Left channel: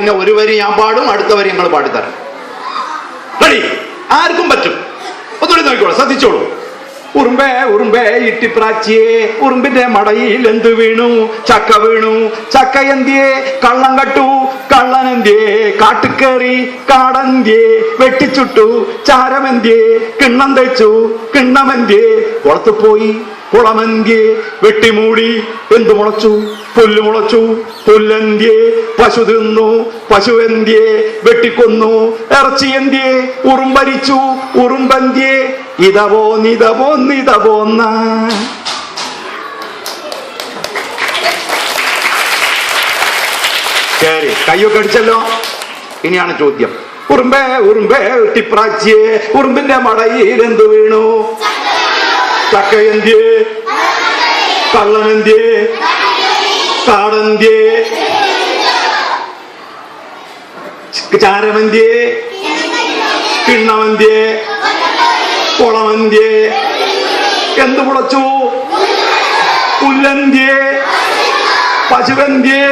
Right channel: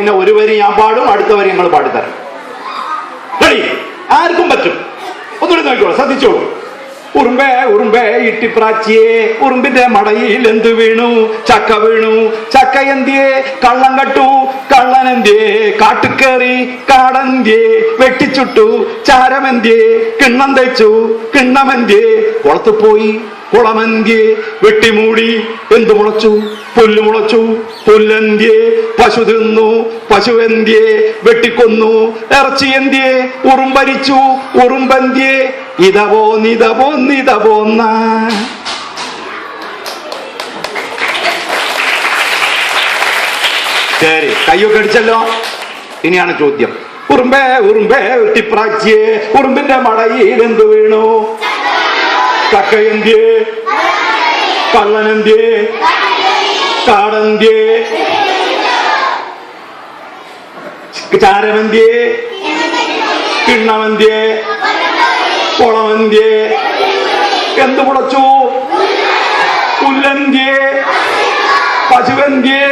പിന്നെ ഒരു വരി ഞാൻ പാടും, അടുത്ത വരി നിങ്ങൾ പാടിത്തരാം. റെഡി? ആർക്കും പറ്റും. ഒന്നുകൂടി നോക്കിക്കോളൂ, ശ്രദ്ധിച്ചോളൂ. ഉറുമ്പേ ഉറുമ്പേ ഇട്ടിപ്രാച്ചിയെ, ഉറുമ്പിന്റെ മടയിൽ എന്തു വീണു? ചക്ക വീണു. ചക്ക എന്തിയെ? കള്ളം കട്ടു. കള്ളൻ എന്തിയെ? കാട്ടിക്കേറി. കാടന്തിയെ? വെട്ടിച്ചുട്ടു. ചാരമെന്തിയെ? കിണ്ണം തയ്ച്ചു. കിണ്ണമെന്തിയെ? കുളത്തു പോയി. കുളമെന്തിയെ? വെട്ടിമൂടി. എന്തു മുളച്ചു? പുല്ല് മുളച്ചു. പുല്ലെന്തിയെ? പശു തിന്നു. പശുവെന്തിയെ? വെട്ടിക്കൊന്നു. ഇറച്ചി എന്തിയെ? ഉറുമ്പരിച്ചു. ഉറുമ്പന്തിയെ? ഇതപോന്ന. ശരി, കയ്യൊക്കെ അടിച്ചല്ലോ. ഇനിയാണ് ചോദ്യം. ഉറുമ്പേ ഉറുമ്പേ വെട്ടിപ്രാച്ചിയെ, ഉറുമ്പിന്റെ മടയിൽ എന്തു വീണു? ചക്ക എന്തിയെ? കള്ളനെന്തിയെ? കാടന്തിയെ? ചാരമെന്തിയെ? കിണ്ണമെന്തിയെ? കുളമെന്തിയെ? എന്തു മുളച്ചു? പുല്ലെന്തിയെ? പശുവെന്തിയെ?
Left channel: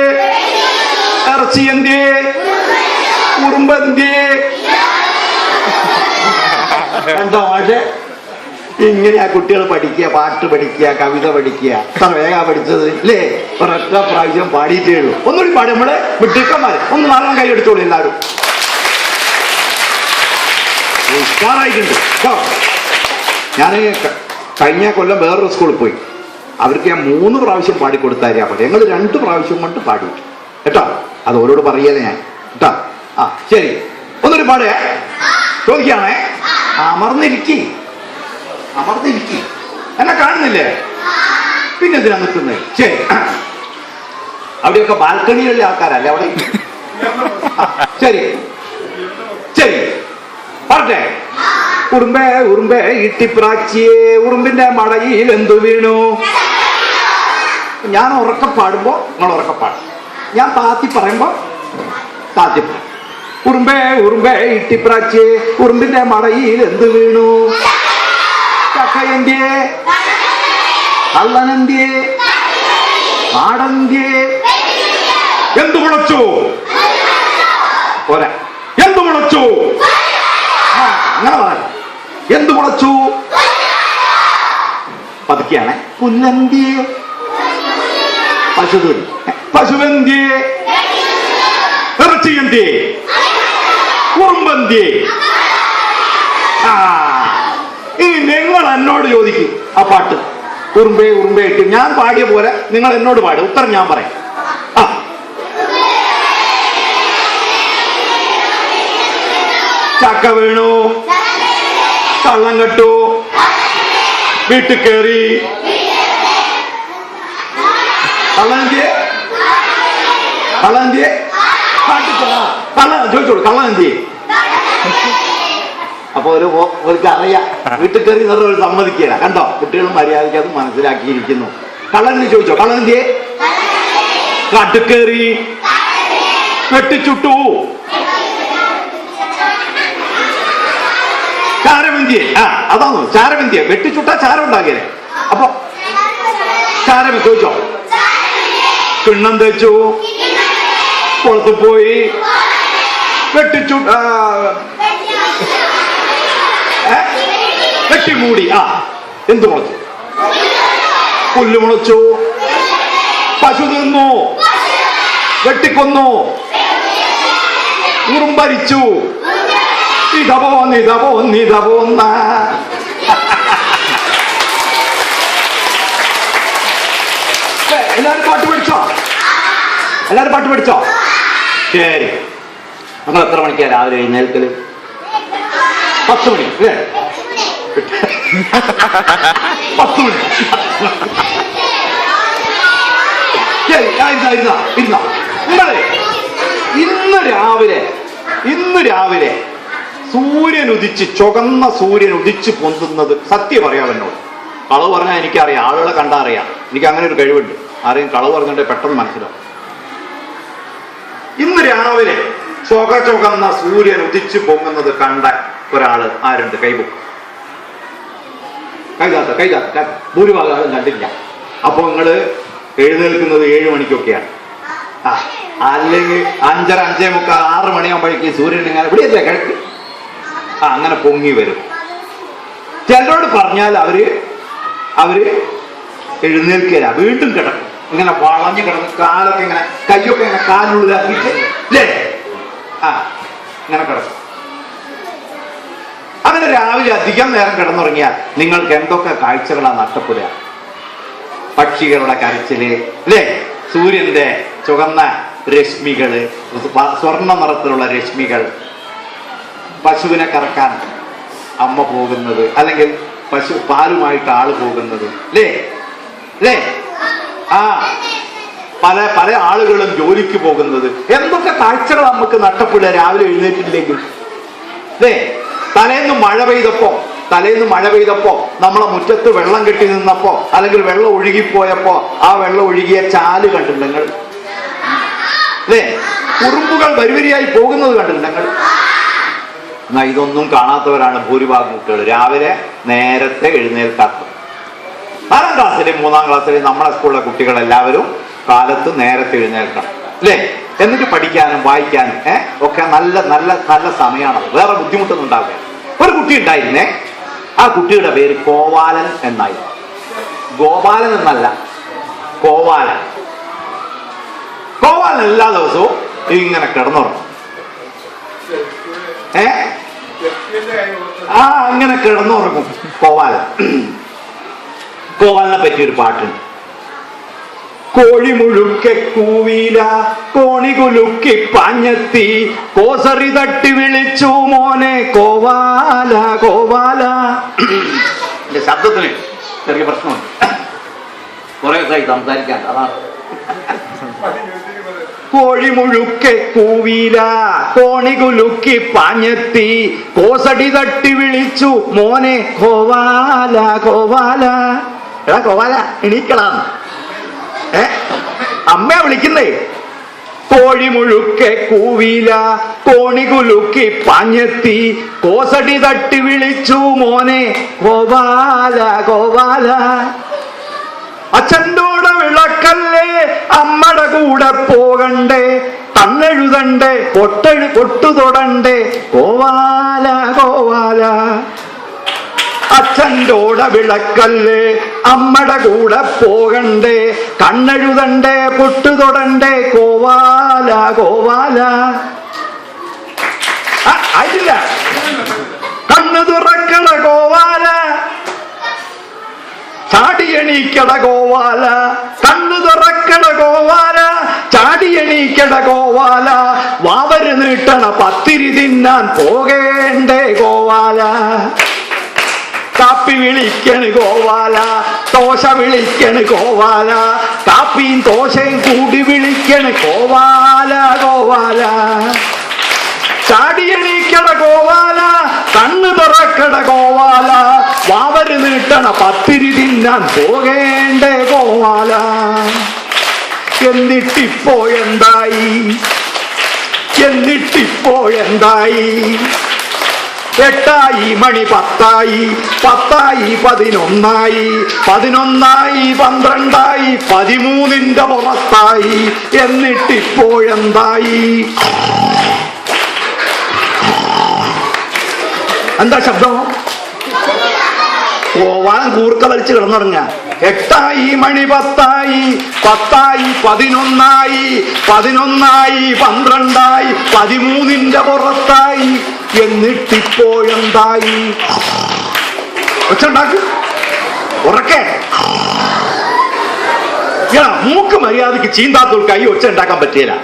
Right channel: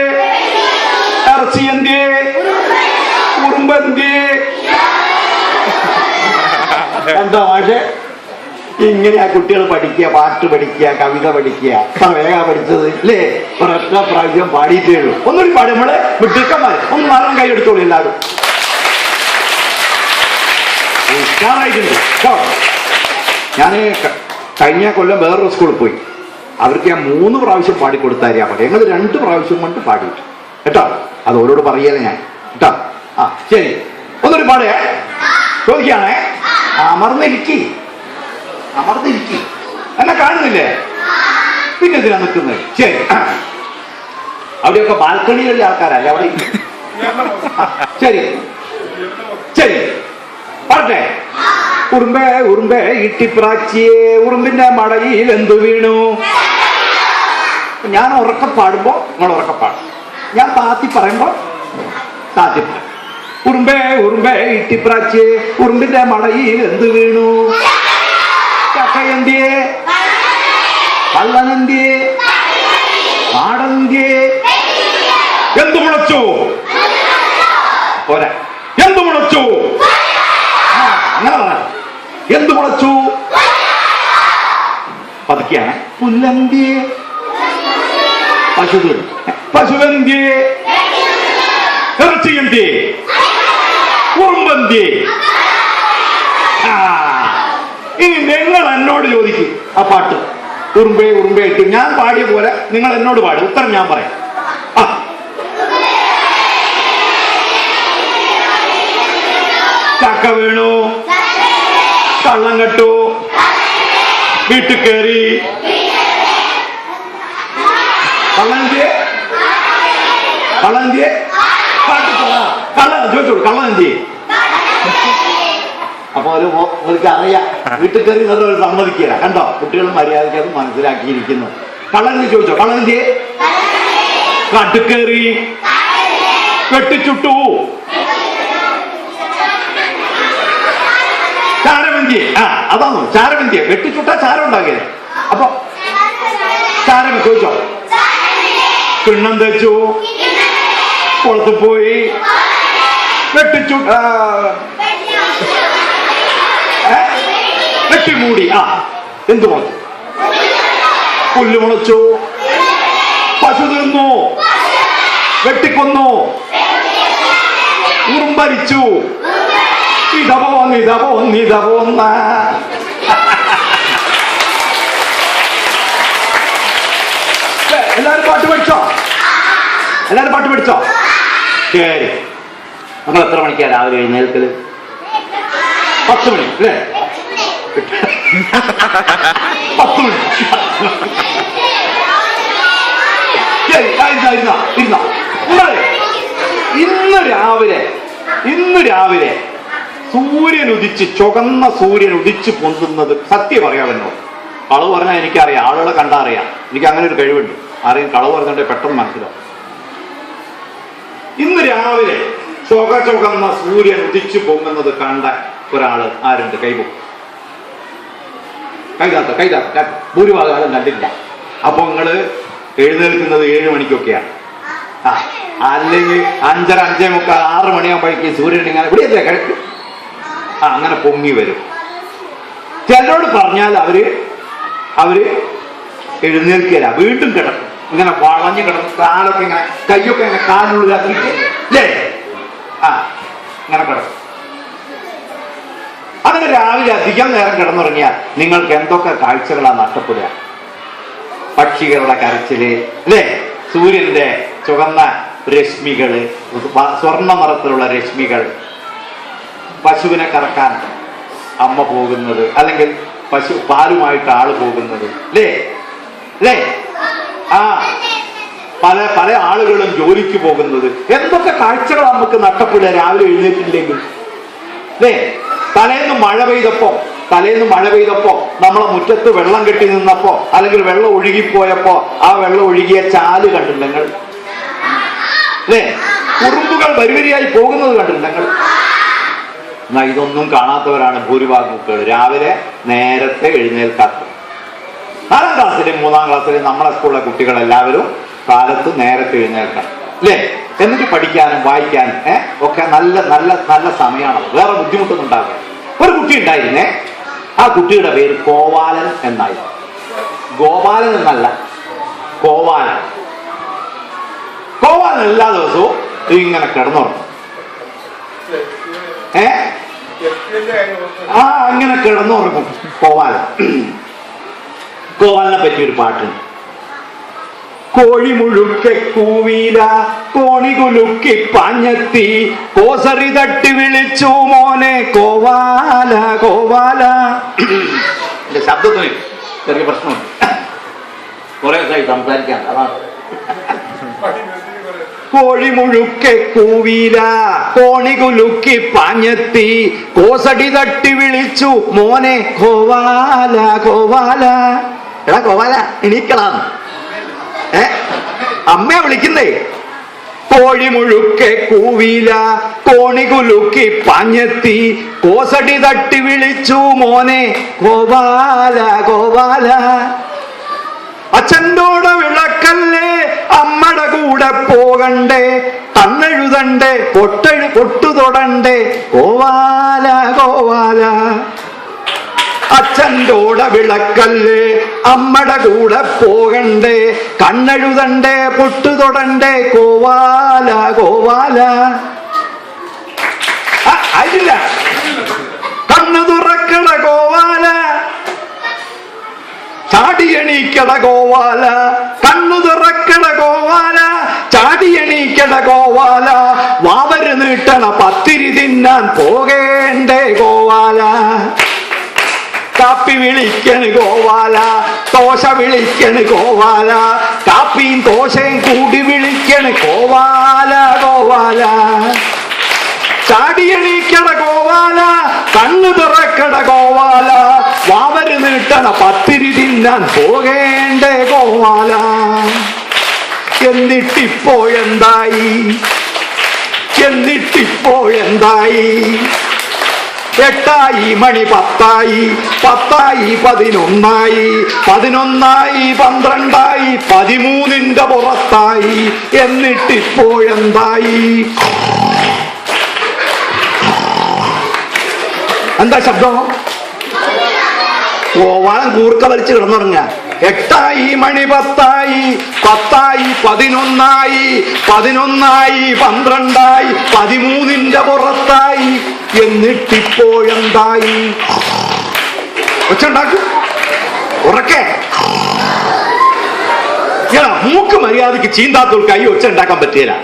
ഇറച്ചി എന്തിയെ? ഉറുമ്പന്തിയെ? എന്താ മാഷെ ഇങ്ങനെയാ കുട്ടികൾ പഠിക്കുക, പാട്ട് പഠിക്കുക, കവിത പഠിക്കുക? അത്ര വേഗം പഠിച്ചത് അല്ലേ? ഒരൊറ്റ പ്രാവശ്യം പാടിയിട്ടേ ഉള്ളൂ. ഒന്നുകൂടി പാടി, നമ്മള് വിട്ടിക്കന്മാര് ഒന്ന് നാളെ കൈ അടിച്ചോളൂ എല്ലാവരും. ഞാൻ കഴിഞ്ഞ കൊല്ലം വേറൊരു സ്കൂളിൽ പോയി. അവർക്ക് ഞാൻ 3 പ്രാവശ്യം പാടിക്കൊടുത്താരിയാ പാടി. ഞങ്ങൾ 2 പ്രാവശ്യം കൊണ്ട് പാടി കേട്ടോ. അത് ഓരോട് പറയല്ലേ ഞാൻ കേട്ടോ. ആ ശരി, ഒന്നൊരു പാടേ ചോദിക്കുകയാണേ. അമർന്നിരിക്കി എന്നെ കാണുന്നില്ലേ? പിന്നെ എന്തിനാ നിൽക്കുന്നത്? ശരി, അവിടെയൊക്കെ ബാൽക്കണികളിലെ ആൾക്കാരല്ലേ അവിടെ? ശരി ശരി, പറഞ്ഞേ. ഉറുമ്പേ ഉറുമ്പേ ഇട്ടിപ്രാച്ചിയെ, ഉറുമ്പിന്റെ മടയിൽ എന്തു വീണു? ഞാൻ ഉറക്കെ പാടുമ്പോ നിങ്ങൾ ഉറക്കെ പാടും, ഞാൻ താത്തി പറയുമ്പോ താത്തി പാടും. ഉറുമ്പേ ഉറുമ്പേ ഇട്ടിപ്രാച്ചിയെ, ഉറുമ്പിന്റെ മടയിൽ എന്തു വീണു? ചക്ക എന്തിയെ? കള്ളനെന്തിയെ? കാടന്തിയെ? എന്തു മുളച്ചു? പോരാ, എന്തു മുളച്ചു? അങ്ങനെ പറയാം. എന്തു മുളച്ചു? പതുക്കെയാണ്. പുല്ലന്തിയെ? പശുവെന്തിയെ? ഇറച്ചി എന്തിയെ? ഉറുമ്പന്തിയെ? ഇനി നിങ്ങൾ എന്നോട് ചോദിക്കും ആ പാട്ട്. ഉറുമ്പേ ഉറുമ്പേ ഇട്ട് ഞാൻ പാടിയ പോലെ നിങ്ങൾ എന്നോട് പാടും, ഉത്തരം ഞാൻ പറയാം. ആ ചക്ക വീണു. കള്ളം കെട്ടു. വീട്ടിൽ കയറി. കള്ളനെന്തിയെ? ചോദിച്ചോളൂ, കള്ളനെന്തിയെ? അപ്പൊ അവർക്ക് അറിയാം വീട്ടിൽ കയറി സമ്മതിക്കില്ല. കണ്ടോ, കുട്ടികളും മര്യാദയ്ക്ക് അത് മനസ്സിലാക്കിയിരിക്കുന്നു. കള്ളനെന്തി ചോദിച്ചോ? കള്ളനെന്തിയെ? കാട്ടുകേറി. വെട്ടിച്ചുട്ടു. ചാരമെന്തിയെ? അതാണോ ചാരമെന്തിയെ? വെട്ടിച്ചുട്ടാ ചാരം ഉണ്ടാകില്ലേ? അപ്പൊ ചാരം ചോദിച്ചോ? കിണ്ണം തേച്ചു. കുളത്ത് പോയി. വെട്ടിമൂടി. എന്തു മുളച്ചു? പുല്ല് മുളച്ചു. പശു തിന്നു. വെട്ടിക്കൊന്നു. ഉറുമ്പരിച്ചു. ഇതപോന്ന. എല്ലാരും പാട്ട് പഠിച്ചോ? ശരി, നമ്മൾ എത്ര മണിക്കാ രാവിലെ എഴുന്നേൽക്കല്? 10 മണി അല്ലേ? 10 മണി. ഇന്ന് രാവിലെ സൂര്യൻ ഉദിച്ച്, ചുവന്ന സൂര്യൻ ഉദിച്ച് പൊന്തുന്നത് സത്യം പറയാമല്ലോ. കളവ് പറഞ്ഞാൽ എനിക്കറിയാം, ആളുകളെ കണ്ടാ അറിയാം. എനിക്ക് അങ്ങനെ ഒരു കഴിവുണ്ട്. ആരെയും കളവ് പറഞ്ഞിട്ട് പെട്ടെന്ന് മനസ്സിലാവും. ഇന്ന് രാവിലെ ചുവന്ന സൂര്യൻ ഉദിച്ചു പൊങ്ങുന്നത് കണ്ട ഒരാള് ആരുണ്ട്? കൈതാത്ത ഭൂരിഭാഗം കണ്ടില്ല. അപ്പൊ നിങ്ങള് എഴുന്നേൽക്കുന്നത് 7 മണിക്കൊക്കെയാണ്. അല്ലെങ്കിൽ 5:30, 5:45, 6 മണിയാകുമ്പോഴേക്ക് സൂര്യൻ ഇങ്ങനെ ഇവിടെയല്ലേ കിഴക്ക്, അങ്ങനെ പൊങ്ങി വരും. ചിലരോട് പറഞ്ഞാൽ അവര് എഴുന്നേൽക്കില്ല, വീണ്ടും കിടക്കും, ഇങ്ങനെ വളഞ്ഞു കിടക്കും, കാലൊക്കെ ഇങ്ങനെ, കൈയൊക്കെ ഇങ്ങനെ കാലിനുള്ളിലാക്കിയിട്ട് അല്ലേ ഇങ്ങനെ കിടക്കും. അങ്ങനെ രാവിലെ അധികം നേരം കിടന്നുറങ്ങിയാൽ നിങ്ങൾക്ക് എന്തൊക്കെ കാഴ്ചകളാണ് നഷ്ടപ്പെടുക. പക്ഷികളുടെ കരച്ചില് അല്ലേ, സൂര്യന്റെ ചുവന്ന രശ്മികള്, സ്വർണ്ണ നിറത്തിലുള്ള രശ്മികൾ, പശുവിനെ കറക്കാൻ അമ്മ പോകുന്നത്, അല്ലെങ്കിൽ പശു പാലുമായിട്ട് ആള് പോകുന്നത് അല്ലേ അല്ലേ പല പല ആളുകളും ജോലിക്ക് പോകുന്നത്. എന്തൊക്കെ കാഴ്ചകൾ നമുക്ക് നഷ്ടപ്പെടുക രാവിലെ എഴുന്നേറ്റില്ലെങ്കിൽ അല്ലേ. തലേന്ന് മഴ പെയ്തപ്പോ നമ്മളെ മുറ്റത്ത് വെള്ളം കെട്ടി നിന്നപ്പോ, അല്ലെങ്കിൽ വെള്ളം ഒഴുകിപ്പോയപ്പോ ആ വെള്ളം ഒഴുകിയ ചാല് കണ്ടില്ല നിങ്ങൾ അല്ലേ. ഉറുമ്പുകൾ വരിവരിയായി പോകുന്നത് കണ്ടില്ല നിങ്ങൾ. എന്നാ ഇതൊന്നും കാണാത്തവരാണ് ഭൂരിഭാഗം കുട്ടികൾ, രാവിലെ നേരത്തെ എഴുന്നേൽക്കാത്തത്. 4ാം ക്ലാസ്സിലെയും 3ാം ക്ലാസ്സിലെയും നമ്മളെ സ്കൂളിലെ കുട്ടികളെല്ലാവരും കാലത്ത് നേരത്തെ എഴുന്നേൽക്കണം അല്ലേ. എന്നിട്ട് പഠിക്കാനും വായിക്കാനും ഒക്കെ നല്ല നല്ല നല്ല സമയമാണത്. വേറെ ബുദ്ധിമുട്ടൊന്നും ഉണ്ടാവില്ല. ഒരു കുട്ടി ഉണ്ടായിരുന്നേ, ആ കുട്ടിയുടെ പേര് കോവാലൻ എന്നായിരുന്നു. ഗോപാലൻ എന്നല്ല, കോവാലൻ. കോവാലൻ എല്ലാ ദിവസവും ഇങ്ങനെ കിടന്നുറങ്ങും. അങ്ങനെ കിടന്നുറങ്ങും കോവാലൻ. കോവാലിനെ പറ്റിയൊരു പാട്ടുണ്ട്. കോഴി മുഴുക്കെ കൂവീല, കോണി കുലുക്കി പാഞ്ഞെത്തി, കോസറി തട്ടി വിളിച്ചു മോനെ കോവാല കോവാല. എന്റെ ശബ്ദത്തിന് ചെറിയ പ്രശ്നമുണ്ട്, കുറെ ദിവസമായി സംസാരിക്കാൻ. അതാണ് കോഴി മുഴുക്കെ കൂവീല, കോണി കുലുക്കി പാഞ്ഞെത്തി, കോസടി തട്ടി വിളിച്ചു മോനെ കോവാല കോവാല. എടാ കോവാല എണീക്കളാ, അമ്മയെ വിളിക്കുന്നേ. കോഴി മുഴുക്കെ കൂവീല, കോണി കുലുക്കി പാഞ്ഞെത്തി, കോസടി തട്ടി വിളിച്ചു മോനെ കോവാല കോവാല. അച്ഛൻ്റോടെ വിളക്കല്ലേ, അമ്മയുടെ കൂടെ പോകണ്ടേ, കണ്ണെഴുതണ്ടേ, പൊട്ടു തൊടണ്ടേ കോവാല കോവാല. അച്ഛൻ്റോടെ വിളക്കല്ലേ, അമ്മയുടെ കൂടെ പോകണ്ടേ, കണ്ണെഴുതണ്ടേ, പൊട്ടു തൊടണ്ടേ കോവാല കോവാല. അതില്ല, കണ്ണു തുറക്കട കോവാല, ചാടിയണീക്കട കോവാല, കണ്ണു തുറക്കട കോവാല, ചാടിയണീക്കട കോവാല. വാവര് നീട്ടണ പത്തിരി തിന്നാൻ പോകേണ്ടേ കോവാല. കാപ്പി വിളിക്കണ് കോവാല, ദോശ വിളിക്കണ് കോവാല, കാപ്പിയും ദോശയും കൂടി വിളിക്കണ് കോവാല കോവാല. ചാടിയണീക്കട കോവാല, കണ്ണു തുറക്കട കോവാല, വാവര് നീട്ടണ പത്തിരി തിന്നാൻ പോകേണ്ടേ കോവാല. എന്നിട്ടിപ്പോഴെന്തായി, എന്നിട്ടിപ്പോഴെന്തായി, 8 മണി 10, 11, 11, 12, 13 പുറത്തായി. എന്നിട്ടിപ്പോഴെന്തായി? എന്താ ശബ്ദം? കോവാലൻ കൂർക്ക വലിച്ച് കിടന്നുറങ്ങ. 8 മണി 10, 11, 11, 12, 13 പുറത്തായി. എന്നിട്ടിപ്പോഴെന്തായി? ഒച്ചുണ്ടാക്കും ഉറക്കെ. മൂക്ക് മര്യാദക്ക് ചീന്താത്തോൾക്ക് ഈ ഒച്ച ഉണ്ടാക്കാൻ പറ്റിയില്ല.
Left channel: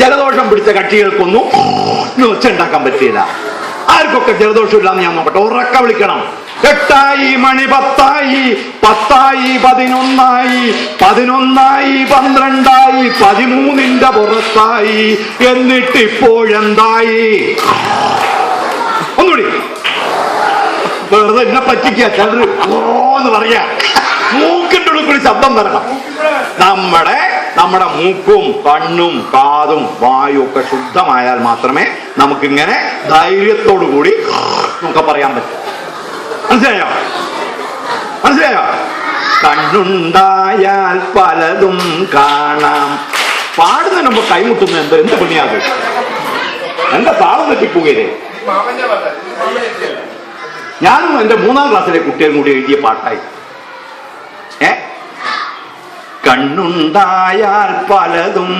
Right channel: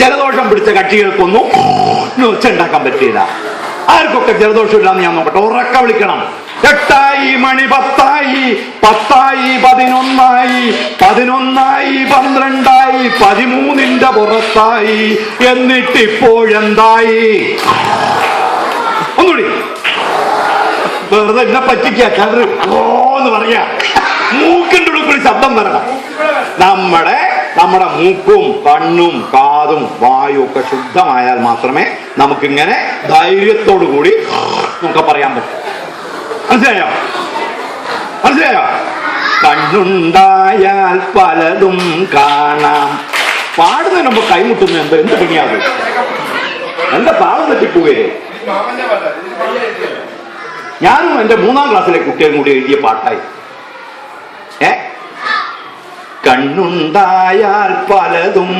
ജലദോഷം പിടിച്ച കക്ഷികൾക്കൊന്നും ഒച്ച ഉണ്ടാക്കാൻ പറ്റിയില്ല. ആർക്കൊക്കെ ജലദോഷം ഇല്ലാന്ന് ഞാൻ നോക്കട്ടെ, ഉറക്ക വിളിക്കണം. 8 മണി 10, 10, 11, 11, 12, 13 പുറത്തായി. എന്നിട്ടിപ്പോഴെന്തായി? ഒന്നുകൂടി വെറുതെ എന്നെ പറ്റിക്കാ ഓന്ന് പറയാ. മൂക്കിന്റെ ഉള്ളിൽ ശബ്ദം വരണം. നമ്മുടെ മൂക്കും കണ്ണും കാതും വായും ഒക്കെ ശുദ്ധമായാൽ മാത്രമേ നമുക്കിങ്ങനെ ധൈര്യത്തോടു കൂടി നമുക്ക് പറയാൻ പറ്റും. മനസ്സിലായോ? മനസ്സിലായോ? കണ്ണുണ്ടായാൽ പലതും കാണാം. പാടുന്നതിന് മുമ്പ് കൈമുട്ടുന്നു എന്ത് പണിയാകും? എന്റെ താളം തെറ്റിപ്പോകേ. ഞാനും എന്റെ 3ാം ക്ലാസ്സിലെ കുട്ടികളും കൂടി എഴുതിയ പാട്ടായി. കണ്ണുണ്ടായാൽ പലതും